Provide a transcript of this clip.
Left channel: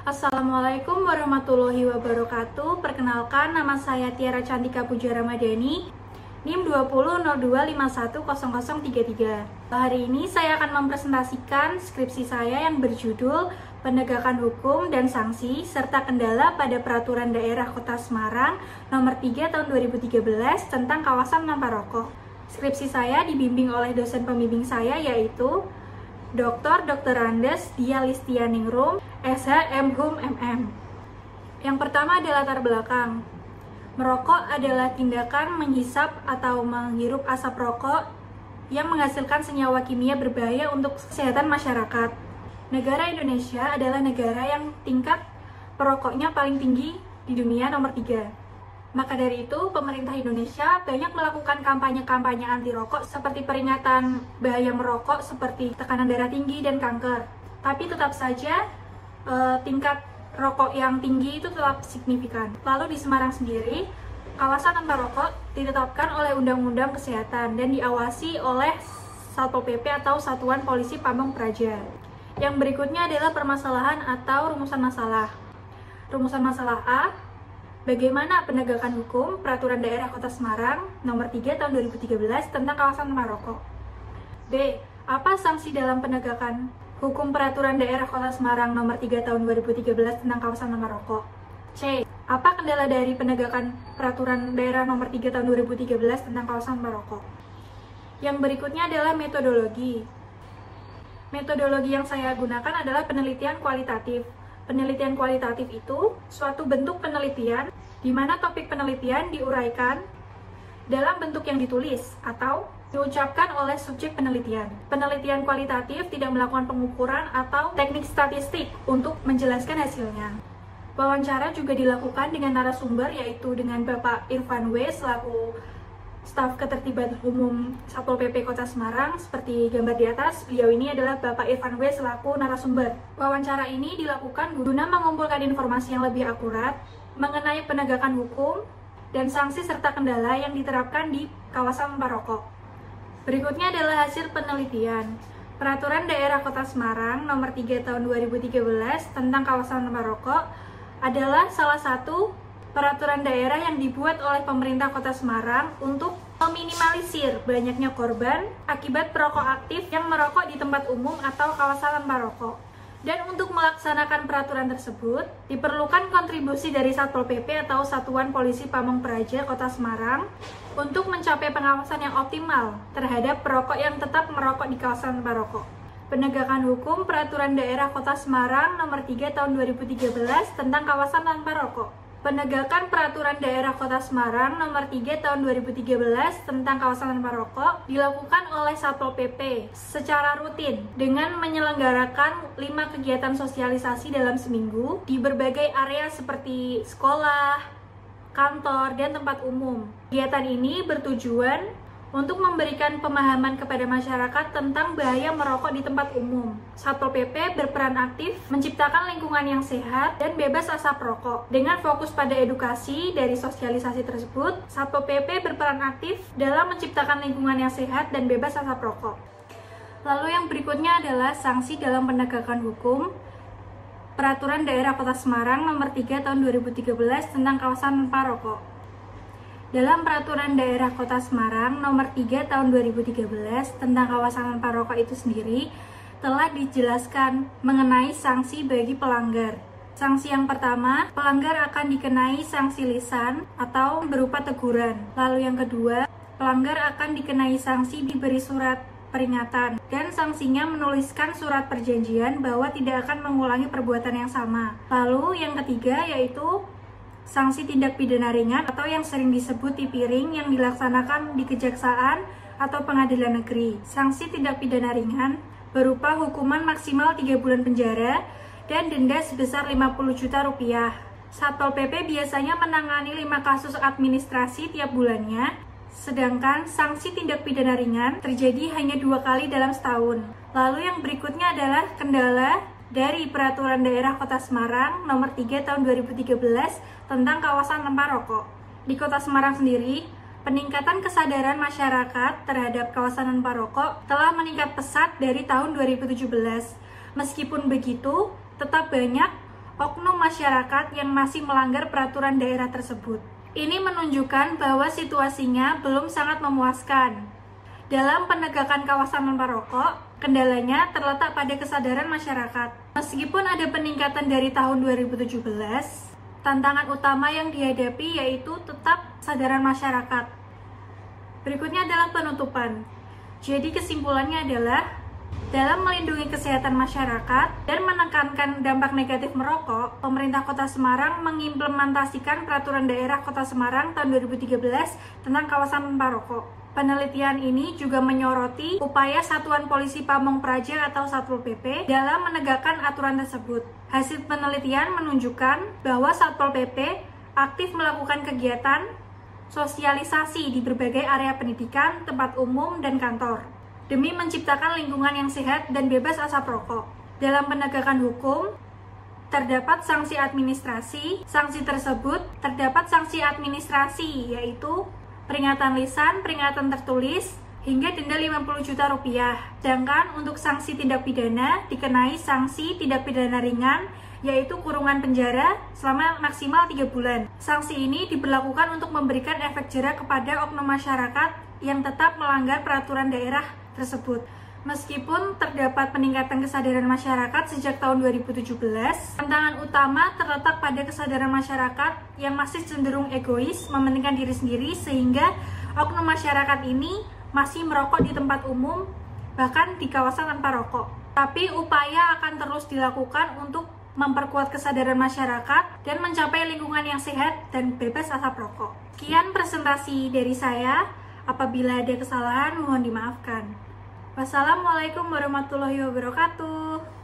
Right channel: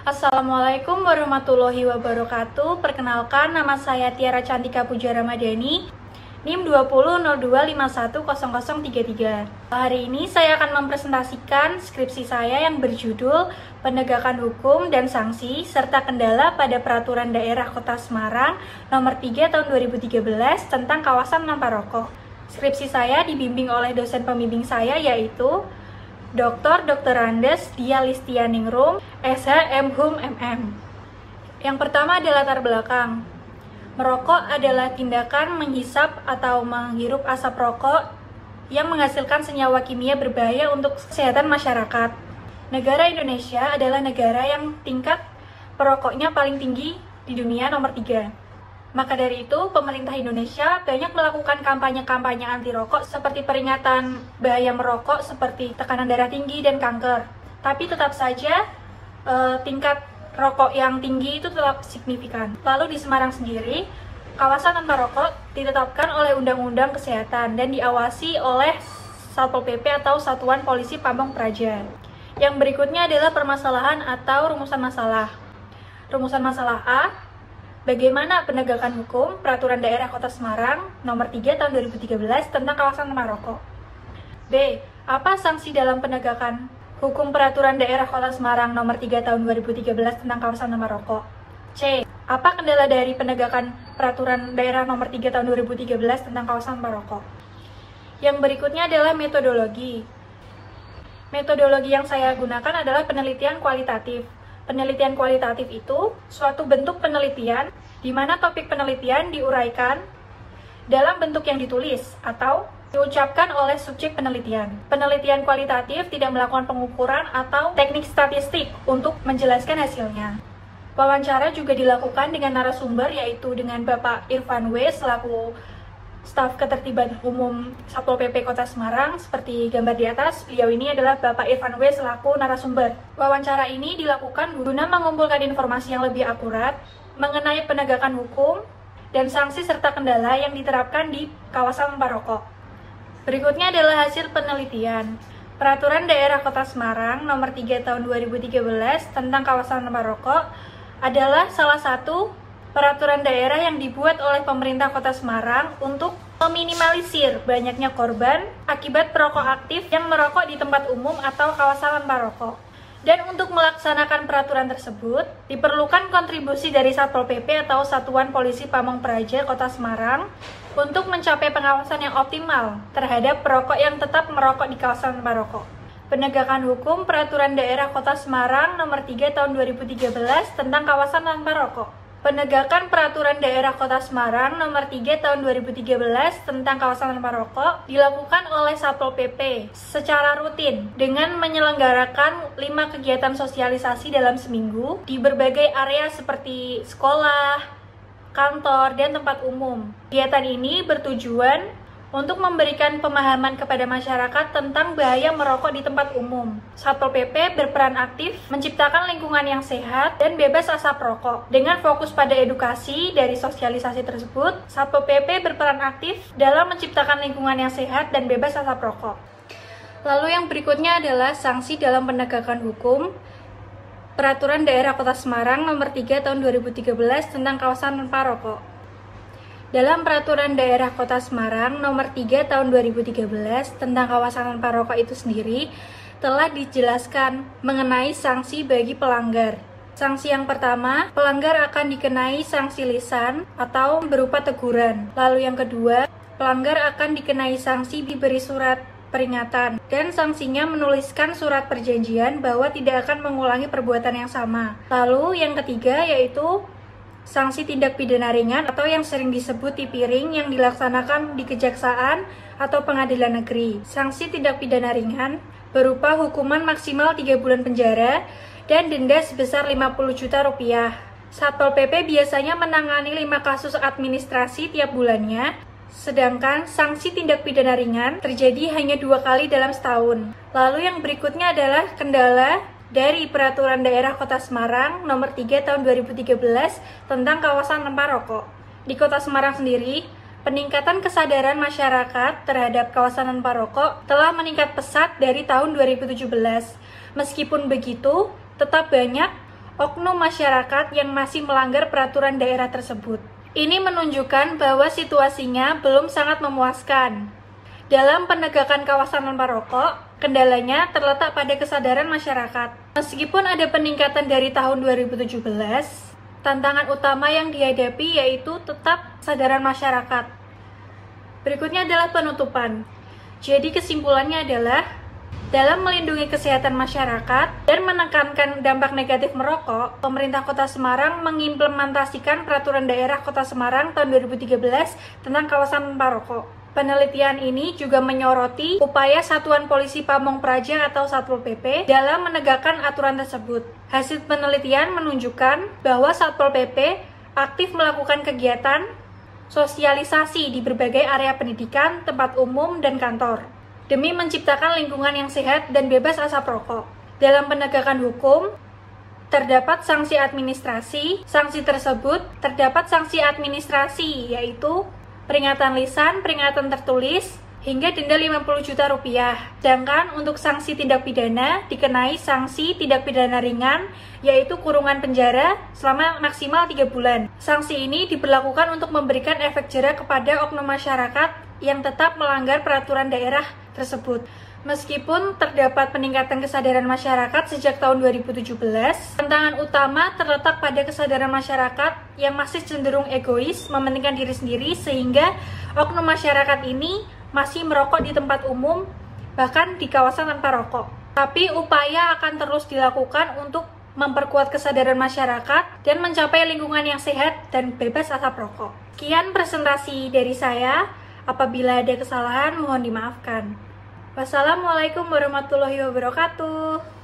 Assalamualaikum warahmatullahi wabarakatuh. Perkenalkan, nama saya Tiara Cantika Puja Ramadhani, NIM 20.02510033. Hari ini saya akan mempresentasikan skripsi saya yang berjudul Penegakan Hukum dan Sanksi serta Kendala pada Peraturan Daerah Kota Semarang Nomor 3 Tahun 2013 tentang kawasan tanpa rokok. Skripsi saya dibimbing oleh dosen pembimbing saya, yaitu Dr. Andes Dia Listianingrum, SH MHum MM. Yang pertama adalah latar belakang. Merokok adalah tindakan menghisap atau menghirup asap rokok yang menghasilkan senyawa kimia berbahaya untuk kesehatan masyarakat. Negara Indonesia adalah negara yang tingkat perokoknya paling tinggi di dunia, nomor 3. Maka dari itu, pemerintah Indonesia banyak melakukan kampanye-kampanye anti rokok seperti peringatan bahaya merokok seperti tekanan darah tinggi dan kanker. Tapi tetap saja tingkat rokok yang tinggi itu tetap signifikan. Lalu di Semarang sendiri, kawasan tanpa rokok ditetapkan oleh Undang-Undang Kesehatan dan diawasi oleh Satpol PP atau Satuan Polisi Pamong Praja. Yang berikutnya adalah permasalahan atau rumusan masalah. Rumusan masalah A, bagaimana penegakan hukum Peraturan Daerah Kota Semarang Nomor 3 Tahun 2013 tentang kawasan tanpa rokok? B. Apa sanksi dalam penegakan hukum Peraturan Daerah Kota Semarang Nomor 3 Tahun 2013 tentang kawasan tanpa rokok? C. Apa kendala dari penegakan Peraturan Daerah Nomor 3 Tahun 2013 tentang kawasan tanpa rokok? Yang berikutnya adalah metodologi. Metodologi yang saya gunakan adalah penelitian kualitatif. Penelitian kualitatif itu suatu bentuk penelitian di mana topik penelitian diuraikan dalam bentuk yang ditulis atau diucapkan oleh subjek penelitian. Penelitian kualitatif tidak melakukan pengukuran atau teknik statistik untuk menjelaskan hasilnya. Wawancara juga dilakukan dengan narasumber, yaitu dengan Bapak Irfan W. selaku Staf Ketertiban Umum Satpol PP Kota Semarang. Seperti gambar di atas, beliau ini adalah Bapak Irfan W. selaku narasumber. Wawancara ini dilakukan guna mengumpulkan informasi yang lebih akurat mengenai penegakan hukum dan sanksi serta kendala yang diterapkan di kawasan tanpa rokok. Berikutnya adalah hasil penelitian. Peraturan Daerah Kota Semarang Nomor 3 Tahun 2013 tentang kawasan tanpa rokok adalah salah satu peraturan daerah yang dibuat oleh pemerintah Kota Semarang untuk meminimalisir banyaknya korban akibat perokok aktif yang merokok di tempat umum atau kawasan tanpa rokok. Dan untuk melaksanakan peraturan tersebut, diperlukan kontribusi dari Satpol PP atau Satuan Polisi Pamong Praja Kota Semarang untuk mencapai pengawasan yang optimal terhadap perokok yang tetap merokok di kawasan tanpa rokok. Penegakan hukum Peraturan Daerah Kota Semarang Nomor 3 Tahun 2013 tentang kawasan tanpa rokok. Penegakan Peraturan Daerah Kota Semarang Nomor 3 Tahun 2013 tentang kawasan tanpa rokok dilakukan oleh Satpol PP secara rutin dengan menyelenggarakan 5 kegiatan sosialisasi dalam seminggu di berbagai area seperti sekolah, kantor, dan tempat umum. Kegiatan ini bertujuan untuk memberikan pemahaman kepada masyarakat tentang bahaya merokok di tempat umum. Satpol PP berperan aktif menciptakan lingkungan yang sehat dan bebas asap rokok. Dengan fokus pada edukasi dari sosialisasi tersebut, Satpol PP berperan aktif dalam menciptakan lingkungan yang sehat dan bebas asap rokok. Lalu yang berikutnya adalah sanksi dalam penegakan hukum Peraturan Daerah Kota Semarang Nomor 3 Tahun 2013 tentang kawasan tanpa rokok. Dalam Peraturan Daerah Kota Semarang Nomor 3 Tahun 2013 tentang kawasan tanpa rokok itu sendiri telah dijelaskan mengenai sanksi bagi pelanggar. Sanksi yang pertama, pelanggar akan dikenai sanksi lisan atau berupa teguran. Lalu yang kedua, pelanggar akan dikenai sanksi diberi surat peringatan dan sanksinya menuliskan surat perjanjian bahwa tidak akan mengulangi perbuatan yang sama. Lalu yang ketiga yaitu sanksi tindak pidana ringan atau yang sering disebut tipiring yang dilaksanakan di kejaksaan atau pengadilan negeri. Sanksi tindak pidana ringan berupa hukuman maksimal 3 bulan penjara dan denda sebesar 50 juta rupiah. Satpol PP biasanya menangani 5 kasus administrasi tiap bulannya, sedangkan sanksi tindak pidana ringan terjadi hanya 2 kali dalam setahun. Lalu yang berikutnya adalah kendala dari Peraturan Daerah Kota Semarang Nomor 3 Tahun 2013 tentang kawasan tanpa rokok. Di Kota Semarang sendiri, peningkatan kesadaran masyarakat terhadap kawasan tanpa rokok telah meningkat pesat dari tahun 2017. Meskipun begitu, tetap banyak oknum masyarakat yang masih melanggar peraturan daerah tersebut. Ini menunjukkan bahwa situasinya belum sangat memuaskan. Dalam penegakan kawasan tanpa rokok, kendalanya terletak pada kesadaran masyarakat. Meskipun ada peningkatan dari tahun 2017, tantangan utama yang dihadapi yaitu tetap kesadaran masyarakat. Berikutnya adalah penutupan. Jadi kesimpulannya adalah, dalam melindungi kesehatan masyarakat dan menekankan dampak negatif merokok, pemerintah Kota Semarang mengimplementasikan Peraturan Daerah Kota Semarang tahun 2013 tentang kawasan tanpa rokok. Penelitian ini juga menyoroti upaya Satuan Polisi Pamong Praja atau Satpol PP dalam menegakkan aturan tersebut. Hasil penelitian menunjukkan bahwa Satpol PP aktif melakukan kegiatan sosialisasi di berbagai area pendidikan, tempat umum, dan kantor, demi menciptakan lingkungan yang sehat dan bebas asap rokok. Dalam penegakan hukum, terdapat sanksi administrasi. Sanksi tersebut terdapat sanksi administrasi, yaitu peringatan lisan, peringatan tertulis, hingga denda 50 juta rupiah. Sedangkan untuk sanksi tindak pidana dikenai sanksi tindak pidana ringan, yaitu kurungan penjara selama maksimal 3 bulan. Sanksi ini diberlakukan untuk memberikan efek jera kepada oknum masyarakat yang tetap melanggar peraturan daerah tersebut. Meskipun terdapat peningkatan kesadaran masyarakat sejak tahun 2017, tantangan utama terletak pada kesadaran masyarakat yang masih cenderung egois, mementingkan diri sendiri, sehingga oknum masyarakat ini masih merokok di tempat umum, bahkan di kawasan tanpa rokok. Tapi upaya akan terus dilakukan untuk memperkuat kesadaran masyarakat dan mencapai lingkungan yang sehat dan bebas asap rokok. Sekian presentasi dari saya. Apabila ada kesalahan, mohon dimaafkan. Wassalamualaikum warahmatullahi wabarakatuh.